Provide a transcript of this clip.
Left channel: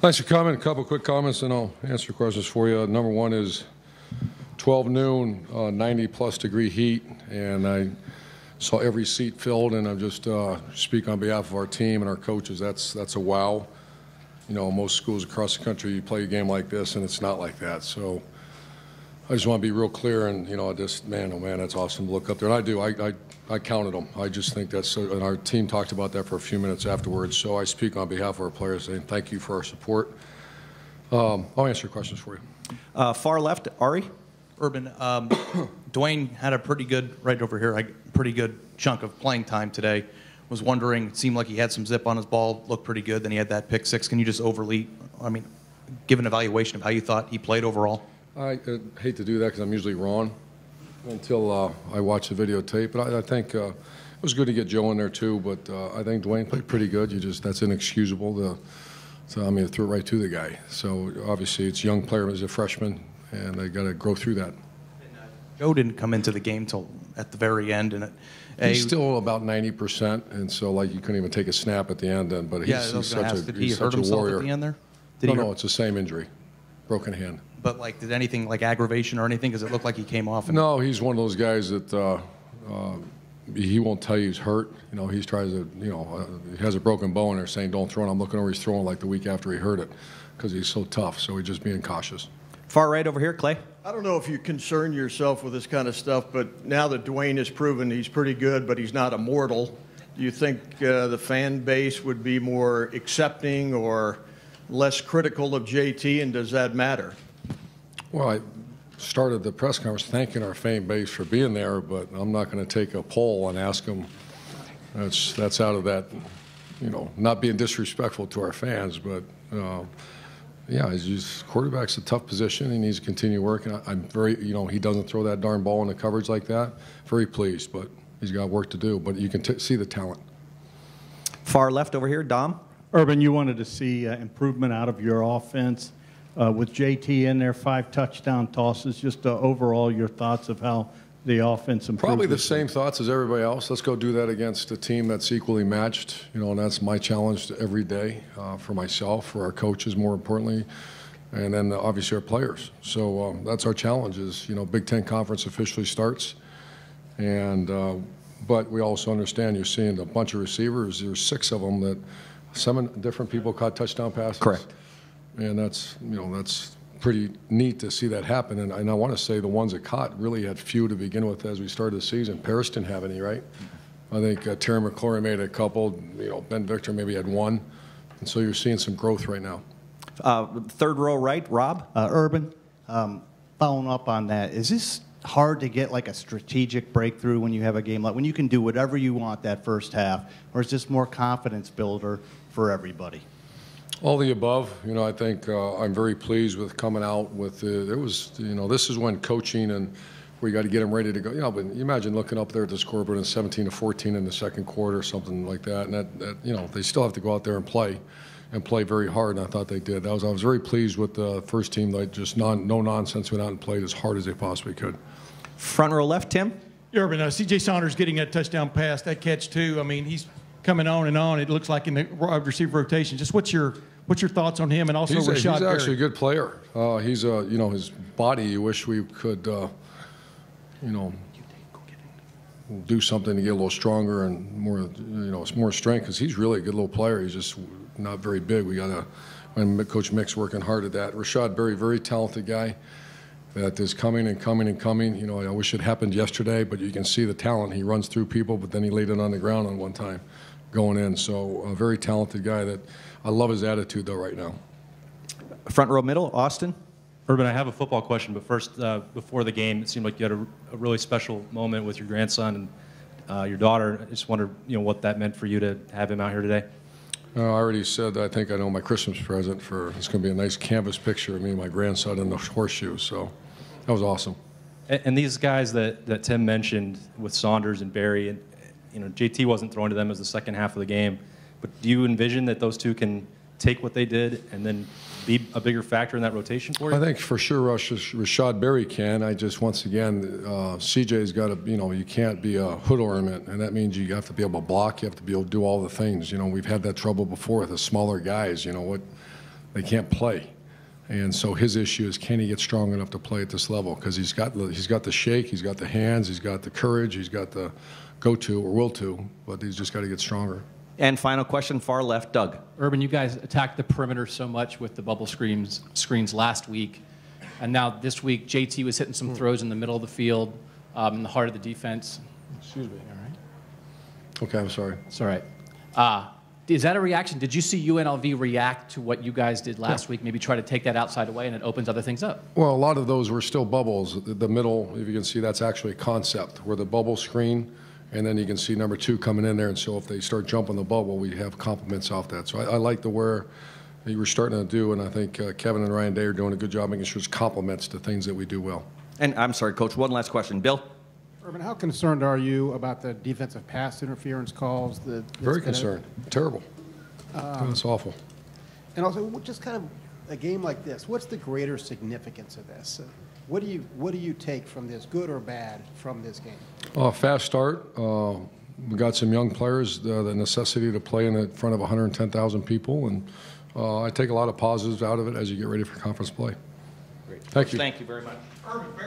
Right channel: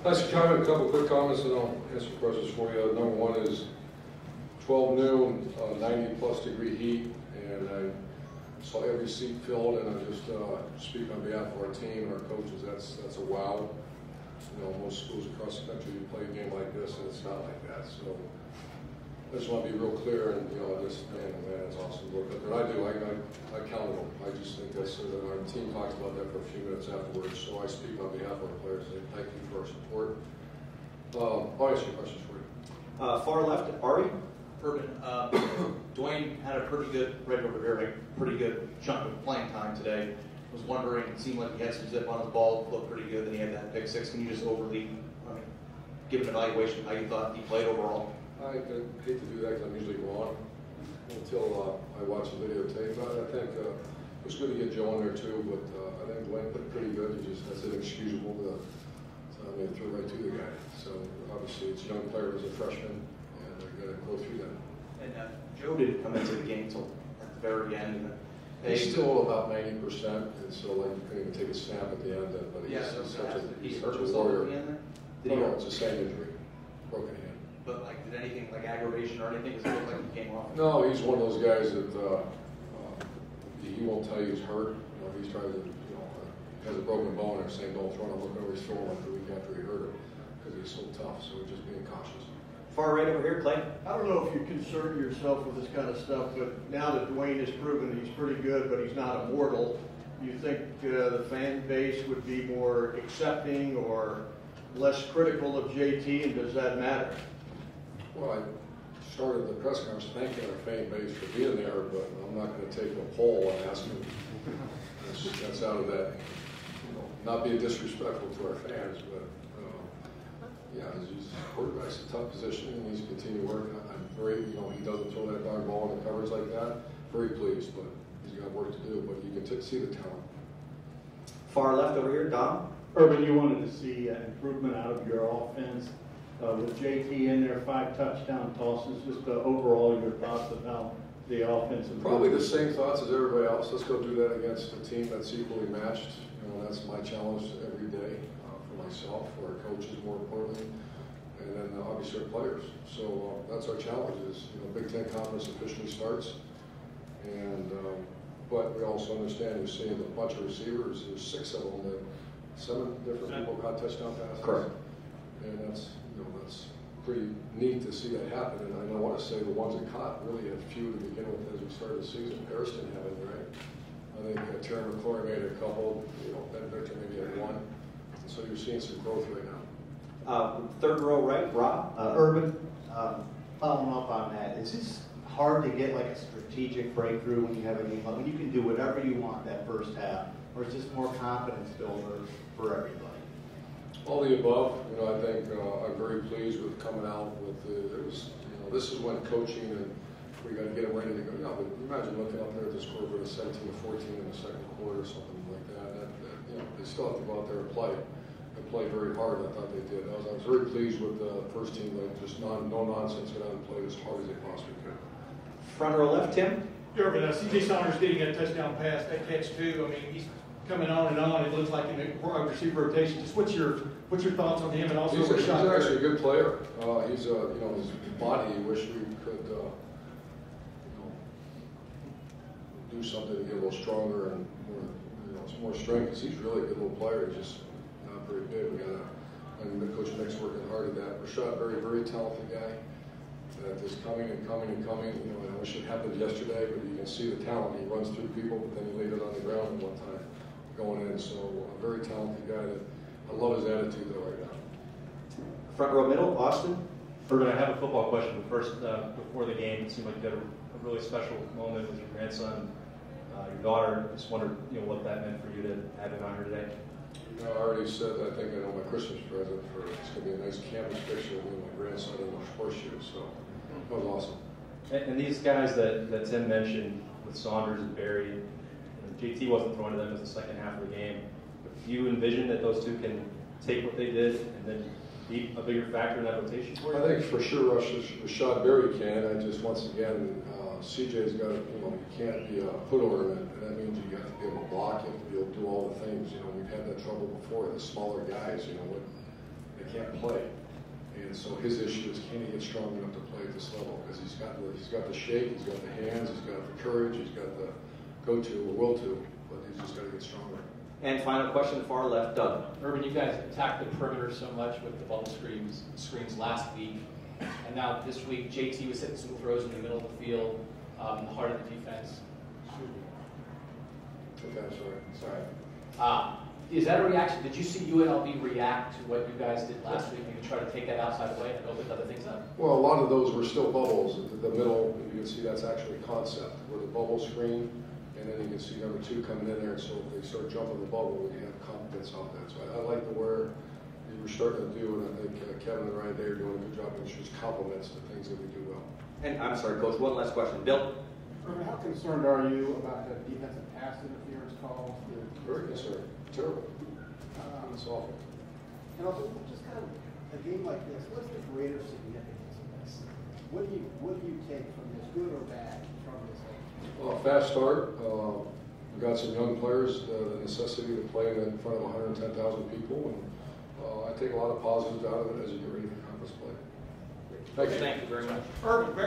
Thanks for coming. A couple quick comments, and I'll answer questions for you. Number one is 12 noon, 90-plus degree heat, and I saw every seat filled, and I'm just speak on behalf of our team and our coaches. That's a wow. You know, most schools across the country, you play a game like this, and it's not like that. So I just want to be real clear, and, you know, just, man, oh, man, that's awesome to look up there. And I do. I counted them. I just think that's, and our team talked about that for a few minutes afterwards. So I speak on behalf of our players, saying thank you for our support. I'll answer your questions for you. Far left, Ari. Urban, Dwayne had a pretty good, right over here, a pretty good chunk of playing time today. Was wondering, it seemed like he had some zip on his ball, looked pretty good, then he had that pick six. Can you just give an evaluation of how you thought he played overall? I hate to do that because I'm usually wrong until I watch the videotape, but I think it was good to get Joe in there too, but I think Dwayne played pretty good. That's inexcusable. So I mean, threw it right to the guy. So obviously it's a young player as a freshman, and they got to grow through that. And Joe didn't come into the game till at the very end, and he's still about 90%, and so like you couldn't even take a snap at the end. Then, but he's such a warrior. At the end there? No, it's the same injury, broken hand. But like, did anything like aggravation or anything? Because it looked like he came off. No, he's one of those guys that he won't tell you he's hurt. You know, he tries to, you know, he has a broken bone. They're saying don't throw it. I'm looking over, he's throwing like the week after he hurt it because he's so tough. So he's just being cautious. Far right over here, Clay. I don't know if you concern yourself with this kind of stuff, but now that Dwayne has proven he's pretty good, but he's not immortal, do you think the fan base would be more accepting or less critical of JT, and does that matter? Well, I started the press conference thanking our fan base for being there, but I'm not going to take a poll and ask them. That's out of that, you know, not being disrespectful to our fans, but yeah, quarterback's a tough position. He needs to continue working. I'm very, you know, he doesn't throw that darn ball in the coverage like that. Very pleased, but he's got work to do. But you can see the talent. Far left over here, Dom. Urban, you wanted to see improvement out of your offense. With JT in there, 5 touchdown tosses, just overall your thoughts of how the offense improved? Probably the same thoughts as everybody else. Let's go do that against a team that's equally matched. You know, and that's my challenge every day for myself, for our coaches more importantly, and then obviously our players. So that's our challenge is, you know, Big Ten Conference officially starts. And but we also understand you're seeing a bunch of receivers. There's 6 of them that 7 different people caught touchdown passes. Correct. And that's, you know, that's pretty neat to see that happen. And I want to say the ones that caught really had few to begin with as we started the season. Paris didn't have any, right? I think Terry McClory made a couple. You know, Ben Victor maybe had 1. And so you're seeing some growth right now. Third row right, Rob. Urban, following up on that, is this hard to get like a strategic breakthrough when you have a game like when you can do whatever you want that first half, or is this more confidence builder for everybody? All the above. You know, I think I'm very pleased with coming out with it was, you know, this is when coaching and where you got to get them ready to go. You know, but you imagine looking up there at the scoreboard and 17-14 in the second quarter or something like that. And that, you know, they still have to go out there and play very hard. And I thought they did. I was very pleased with the first team. They just no nonsense went out and played as hard as they possibly could. Front row left, Tim. Urban, C.J. Saunders getting that touchdown pass, that catch too. I mean, he's coming on and on. It looks like in the receiver rotation. Just what's your thoughts on him and also he's Rashad? Actually a good player. He's you know, his body. You wish we could you know, do something to get a little stronger and more, you know, more strength because he's really a good little player. He's just not very big. We got and Coach Mick's working hard at that. Rashad Berry, very talented guy that is coming and coming and coming. You know, I wish it happened yesterday, but you can see the talent. He runs through people, but then he laid it on the ground on one time going in. So a very talented guy that I love his attitude though right now. Front row middle, Austin. Urban, I have a football question, but first, before the game, it seemed like you had a really special moment with your grandson and your daughter. I just wondered, you know, what that meant for you to have him out here today. I already said I think I know my Christmas present for it's going to be a nice canvas picture of me and my grandson in the horseshoes. So that was awesome. And these guys that Tim mentioned with Saunders and Berry, and you know, JT wasn't throwing to them as the second half of the game, but do you envision that those two can take what they did and then be a bigger factor in that rotation for you? I think for sure Rashad Berry can. I just, once again, CJ's got to, you know, you can't be a hood ornament, and that means you have to be able to block, you have to be able to do all the things. You know, we've had that trouble before with the smaller guys, you know, they can't play. And so his issue is, can he get strong enough to play at this level? Because he's got the shake, he's got the hands, he's got the courage, he's got the go-to or will to, but he's just got to get stronger. And final question, far left, Doug. Urban, you guys attacked the perimeter so much with the bubble screens last week, and now this week JT was hitting some throws in the middle of the field, in the heart of the defense. Excuse me, all right? Okay, I'm sorry. It's all right. Is that a reaction? Did you see UNLV react to what you guys did last week? Maybe try to take that outside away, and it opens other things up. Well, a lot of those were still bubbles. The middle, if you can see, that's actually a concept where the bubble screen, and then you can see number 2 coming in there. And so if they start jumping the bubble, we have compliments off that. So I like the where you were starting to do, and I think Kevin and Ryan Day are doing a good job making sure it's compliments to things that we do well. And I'm sorry, Coach, one last question. Bill? Urban, how concerned are you about the defensive pass interference calls? Very concerned. Terrible. That's awful. And also, just kind of a game like this, what's the greater significance of this? What do you take from this, good or bad, from this game? Fast start. We got some young players, the necessity to play in front of 110,000 people, and I take a lot of positives out of it as you get ready for conference play. Thank you. Thank you very much.